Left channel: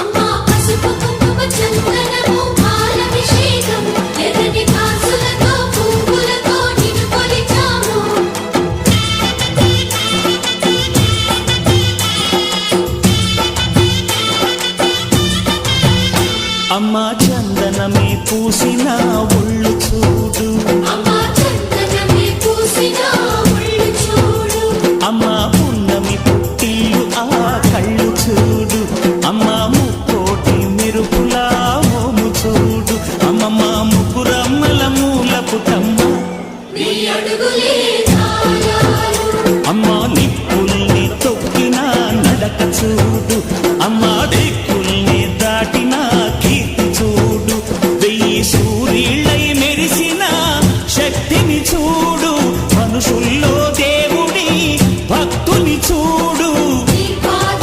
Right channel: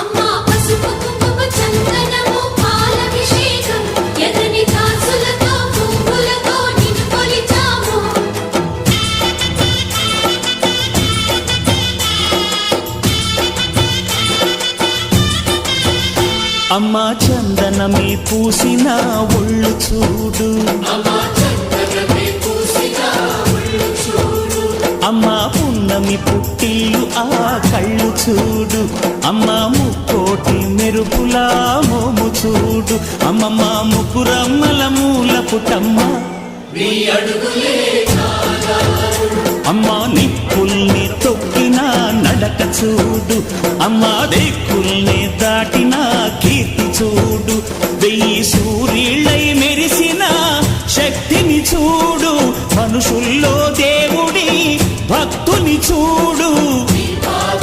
అమ్మా పసుపు కుంకుమ చందనము పాలభిషేకం ఎర్రని కాసులతో పువ్వులతో నిన్ను కొలిచాము. అమ్మా చందనమే పూసిన ఒళ్ళు చూడు, అమ్మా చందనమే పూసిన ఒళ్ళు చూడు, అమ్మా పున్నమి పుట్టిల్లు ఆ కళ్ళు చూడు, అమ్మా ముక్కోటి మెరుపులా మోము చూడు, అమ్మమ్మ ముగ్గురమ్మల మూల పుటమ్మ నీ అడుగులే చాలారు. అమ్మా నిప్పుల్ని తొక్కిన నడక చూడు, అమ్మా దిక్కుల్ని దాటిన కీర్తి చూడు, 1000 సూర్యుళ్ళై మెరిసిన శక్తిని చూడు, మనుషుల్లో దేవుడి భక్తుని చూడు. నీ పాద